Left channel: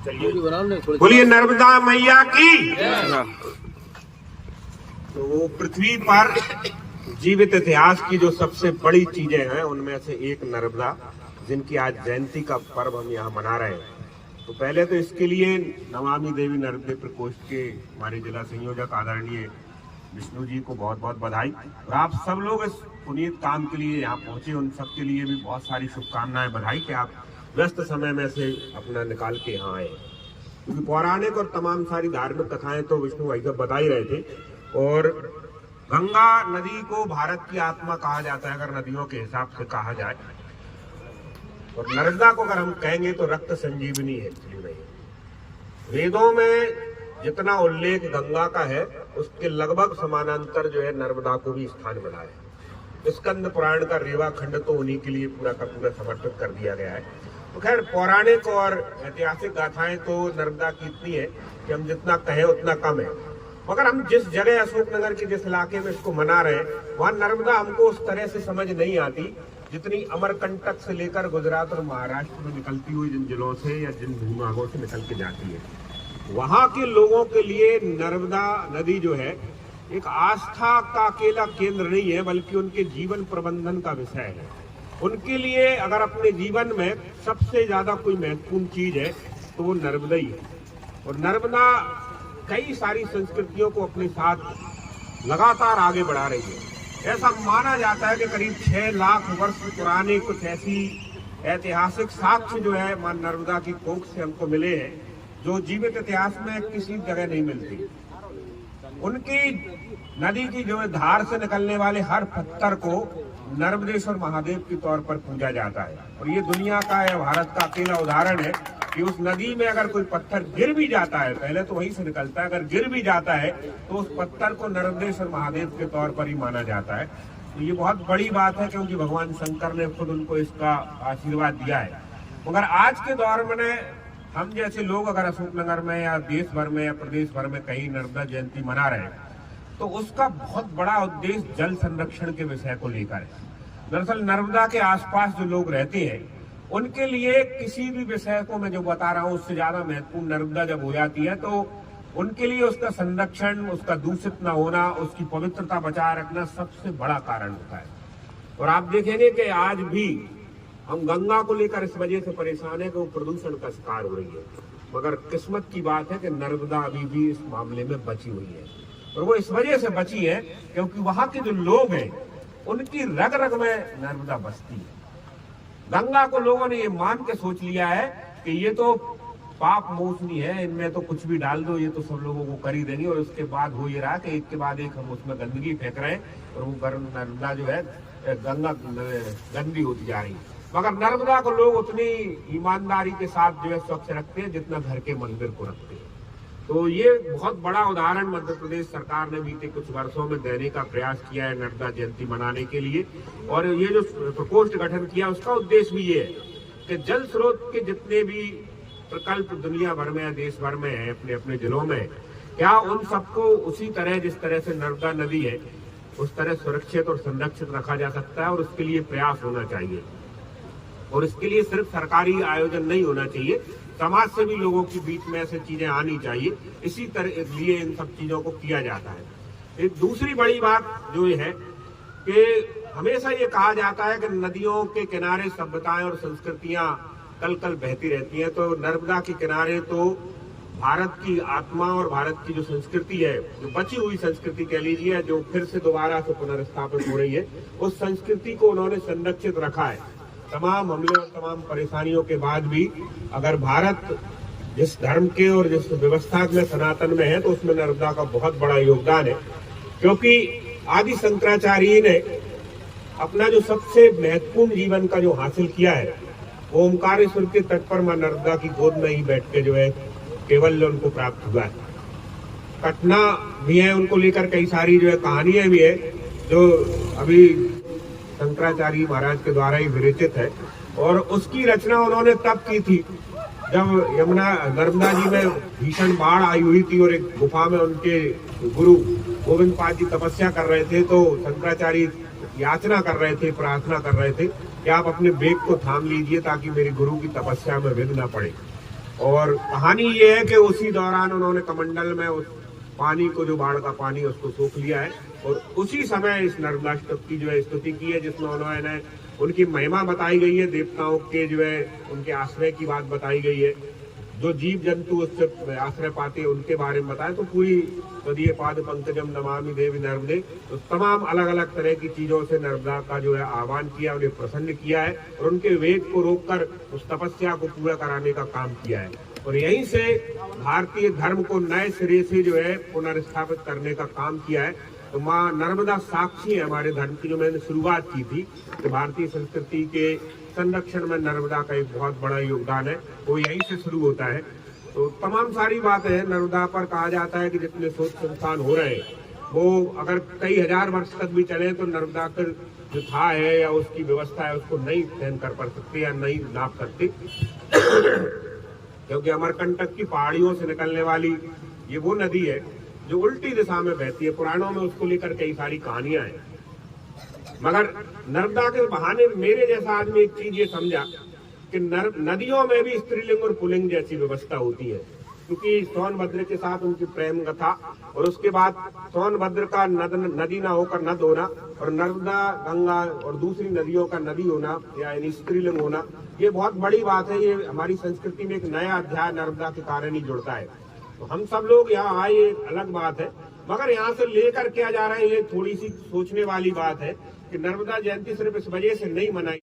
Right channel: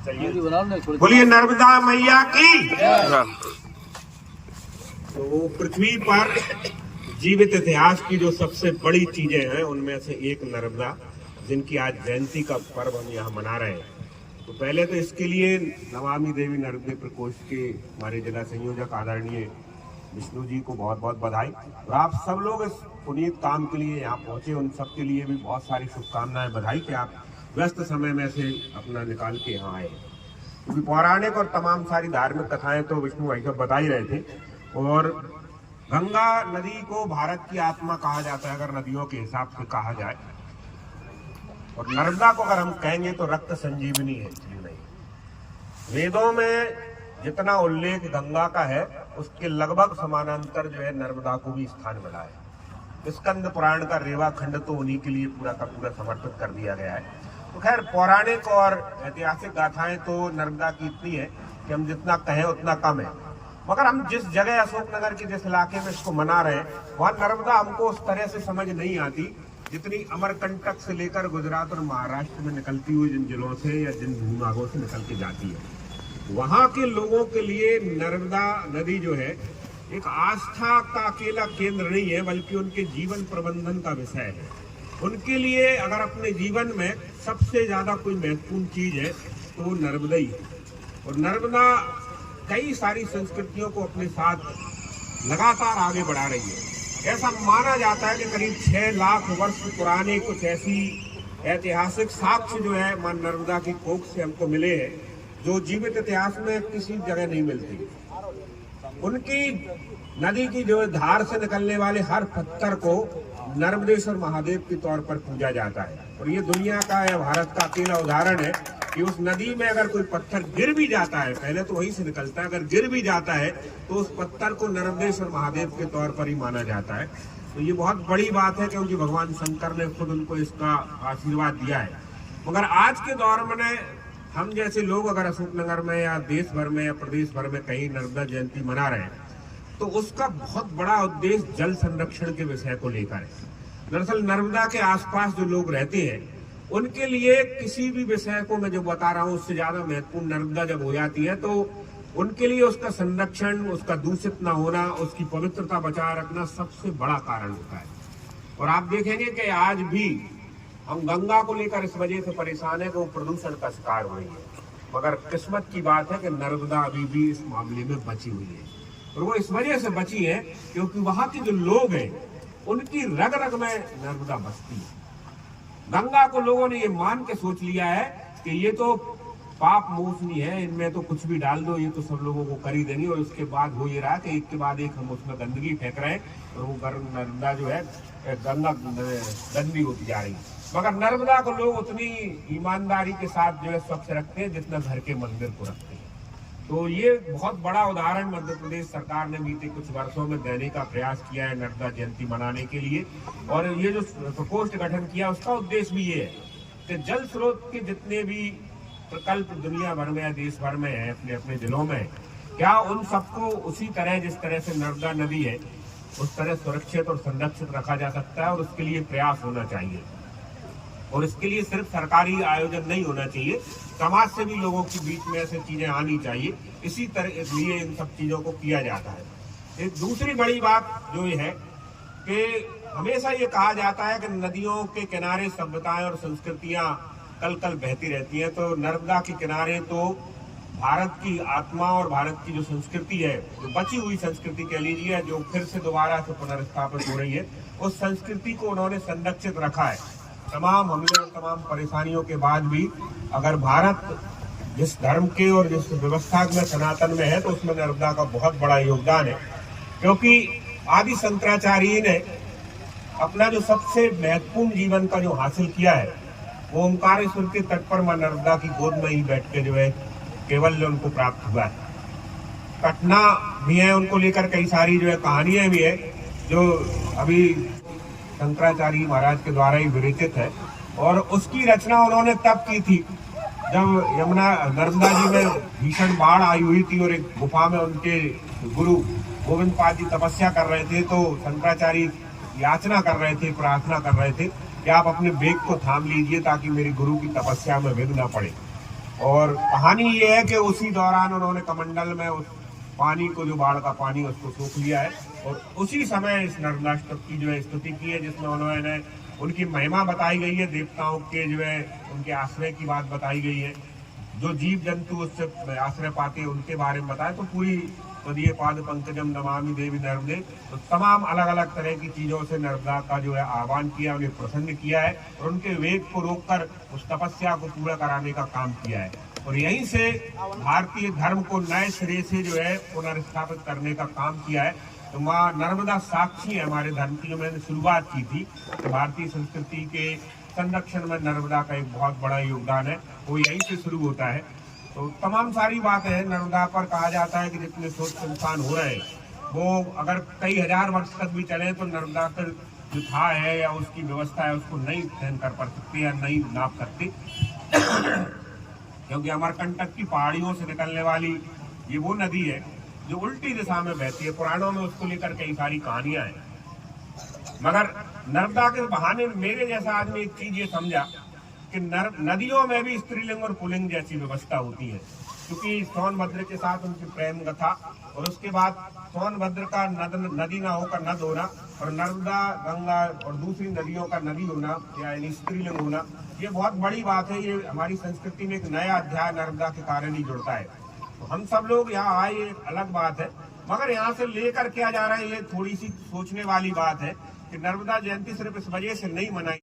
बोलिए नर्मदा मैया की। तो पृथ्वी पर जीवित इतिहास की जो सबसे बड़ी चीजें हैं उनमें से एक नर्मदा, जिनकी आज जयंती का पर्व हम यहाँ मना रहे हैं। तो पहले तो इसके लिए नमामि देवी नर्मदे प्रकोष्ठ के हमारे जिला संयोजक आदरणीय विष्णु जी को बहुत बहुत बधाई। और आप सब लोग इस पुनीत काम के लिए यहाँ पहुंचे, उन सब के लिए भी बहुत सारी शुभकामनाएं, बधाई कि आप व्यस्त समय में से अपना निकाल के यहाँ आए। क्योंकि पौराणिक और तमाम सारी धार्मिक कथाएं तो विष्णु भाई साहब बता ही रहे थे। और गंगा नदी को भारत की आत्मा कहा जाता है अगर नदियों के हिसाब से कहा जाए, और नर्मदा को अगर हम कहेंगे तो रक्त संजीवनी है। वेदों में जितना उल्लेख गंगा का है उसके लगभग समानांतर जो है नर्मदा को भी स्थान मिला है। स्कंद पुराण का रेवा खंड तो उन्हीं के लिए पूरा का पूरा समर्पित कर दिया गया है। तो खैर पौराणिक और ऐतिहासिक गाथाएं तो नर्मदा की इतनी है कि हम जितना कहें उतना कम है। मगर हम जिस जगह अशोकनगर के जिस इलाके में इसको मना रहे हैं वहां नर्मदा हमको उस तरह से समझ नहीं आती जितनी अमरकंटक से लेकर गुजरात और महाराष्ट्र में निकलती हुई जिन जिलों से या जिन भूभागों से निकल के जाती है। वहां के लोगों के लिए नर्मदा नदी जो है एक आस्था का अकेला केंद्र नहीं है, बल्कि उनके जीवन प्रबंधन का विषय है। उनके लिए अगर अपने जीवन में सबसे ज्यादा कोई महत्वपूर्ण चीज है तो वो नर्मदा ही है। और नर्मदा कई सारी संस्कृतियों को अपने साथ लगातार आगे बढ़ा रही है। ऐसा माना जाता है कि करीब 6 लाख वर्ष पुराने कुछ ऐसी ऐतिहासिक साक्ष्य जो है मां नर्मदा की कोख से हमको मिले हैं, जो जीवित इतिहास में किसी जगह नहीं मिलती। उनकी नदी की जो धार से निकलने वाले हर पत्थर को नर्मदेश्वर महादेव के तौर पर पूजा जाता है। और ये दुनिया का या भारत का अकेला उदाहरण है कि उस नदी में अगर कोई पत्थर गिर भी जाता है, पहले तो वहीं से निकलता है, अगर गिर भी जाता है तो उस पत्थर को नर्मदेश्वर महादेव के तौर पर ही माना जाता है। तो ये बहुत बड़ी बात है क्योंकि भगवान शंकर ने खुद उनको इसका आशीर्वाद दिया है। मगर आज के दौर में हम जैसे लोग अगर अशोकनगर में या देश भर में या प्रदेश भर में कहीं नर्मदा जयंती मना रहे हैं तो उसका बहुत बड़ा उद्देश्य जल संरक्षण के विषय को लेकर है। दरअसल नर्मदा के आसपास जो लोग रहते हैं उनके लिए किसी भी विषय को मैं जो बता रहा हूँ उससे ज्यादा महत्वपूर्ण नर्मदा जब हो जाती है तो उनके लिए उसका संरक्षण, उसका दूषित न होना, उसकी पवित्रता बचाए रखना सबसे बड़ा कारण होता है। और आप देखेंगे कि आज भी हम गंगा को लेकर इस वजह से परेशान है कि वो प्रदूषण का शिकार हो रही है। मगर किस्मत की बात है कि नर्मदा अभी भी इस मामले में बची हुई है। और वो इस वजह से बची है क्योंकि वहां के जो लोग हैं उनकी रग रग में नर्मदा बसती है। गंगा को लोगों ने ये मान के सोच लिया है कि ये तो पाप मोचनी है, इनमें तो कुछ भी डाल दो, ये तो सब लोगों को कर ही देंगे। और उसके बाद हो ये रहा कि एक के बाद एक हम उसमें गंदगी फेंक रहे हैं और वो नर्मदा जो है गंगा गंदी होती जा रही है। मगर नर्मदा को लोग उतनी ईमानदारी के साथ जो है स्वच्छ रखते हैं जितना घर के मंदिर को रखते हैं। तो ये बहुत बड़ा उदाहरण मध्य प्रदेश सरकार ने बीते कुछ वर्षों में देने का प्रयास किया है नर्मदा जयंती मनाने के लिए। और ये जो प्रकोष्ठ गठन किया उसका उद्देश्य भी ये है कि जल स्रोत के जितने भी प्रकल्प दुनिया भर में या देश भर में है अपने अपने जिलों में, क्या उन सबको उसी तरह जिस तरह से नर्मदा नदी है उस तरह सुरक्षित और संरक्षित रखा जा सकता है। और उसके लिए प्रयास होना चाहिए। और इसके लिए सिर्फ सरकारी आयोजन नहीं होना चाहिए, समाज से भी लोगों के बीच में ऐसी चीजें आनी चाहिए। इसी तरह लिए इन सब चीजों को किया जाता है। एक दूसरी बड़ी बात जो ये है कि हमेशा ये कहा जाता है कि नदियों के किनारे सभ्यताएं और संस्कृतियां कल कल बहती रहती हैं। तो नर्मदा के किनारे तो भारत की आत्मा और भारत की जो संस्कृति है, जो बची हुई संस्कृति कह लीजिए, जो फिर से दोबारा से पुनर्स्थापित हो रही है, उस संस्कृति को उन्होंने संरक्षित रखा है। तमाम हमले और तमाम परेशानियों के बाद भी अगर भारत जिस धर्म के और जिस व्यवस्था में सनातन में है तो उसमें नर्मदा का बहुत बड़ा योगदान है। क्योंकि आदि शंकराचार्य ने अपना जो सबसे महत्वपूर्ण जीवन का जो हासिल किया है वो ओंकारेश्वर के तट पर मां नर्मदा की गोद में ही बैठ के जो है केवल उनको प्राप्त हुआ है। घटना भी है, उनको लेकर कई सारी जो है कहानियां भी है जो अभी शंकराचार्य महाराज के द्वारा ही विरचित है। और उसकी रचना उन्होंने तब की थी जब यमुना नर्मदा जी में भीषण बाढ़ आई हुई थी और एक गुफा में उनके गुरु गोविंद पाद जी तपस्या कर रहे थे। तो शंकराचार्य याचना कर रहे थे, प्रार्थना कर रहे थे कि आप अपने बेग को थाम लीजिए ताकि मेरे गुरु की तपस्या में विघ्न न पड़े। और कहानी ये है कि उसी दौरान उन्होंने कमंडल में उस पानी को, जो बाढ़ का पानी, उसको सोख लिया है और उसी समय इस नर्मदा स्तुति की जो है स्तुति की है, जिसमें उन्होंने उनकी महिमा बताई गई है, देवताओं के जो है उनके आश्रय की बात बताई गई है, जो जीव जंतु उससे आश्रय पाते हैं उनके बारे में बताया। तो पूरी तदीय पाद पंकजम नमामि देवी नर्मदे, तो तमाम अलग अलग तरह की चीजों से नर्मदा का जो है आह्वान किया, उन्हें प्रसन्न किया है और उनके वेग को रोककर उस तपस्या को पूरा कराने का काम किया है। और यहीं से भारतीय धर्म को नए सिरे से जो है पुनर्स्थापित करने का काम किया है। तो माँ नर्मदा साक्षी है हमारे धर्म की, जो मैंने शुरुआत की थी, तो भारतीय संस्कृति के संरक्षण में नर्मदा का एक बहुत बड़ा योगदान है, वो यहीं से शुरू होता है। तो तमाम सारी बातें हैं नर्मदा पर। कहा जाता है कि जितने शोध संस्थान हो रहे हैं वो अगर कई हजार वर्ष तक भी चले तो नर्मदा पर जो था है या उसकी व्यवस्था है उसको नहीं सहन कर पा सकती या नहीं नाप सकती क्योंकि अमरकंटक की पहाड़ियों से निकलने वाली ये वो नदी है जो उल्टी दिशा में बहती है। पुराणों में उसको लेकर कई सारी कहानियां हैं, मगर नर्मदा के बहाने मेरे जैसा आदमी एक चीज ये समझा कि नदियों में भी स्त्रीलिंग और पुल्लिंग जैसी व्यवस्था होती है, क्योंकि सोनभद्र के साथ उनकी प्रेम कथा और उसके बाद सोनभद्र का नदी ना होकर नद होना और नर्मदा, गंगा और दूसरी नदियों का नदी होना या स्त्रीलिंग होना, ये बहुत बड़ी बात है। ये हमारी संस्कृति में एक नया अध्याय नर्मदा के कारण ही जुड़ता है। तो हम सब लोग यहाँ आए, ये अलग बात है, मगर यहाँ से लेकर क्या जा रहे हैं ये थोड़ी सी सोचने वाली बात है कि नर्मदा जयंती सिर्फ इस वजह से नहीं मनाई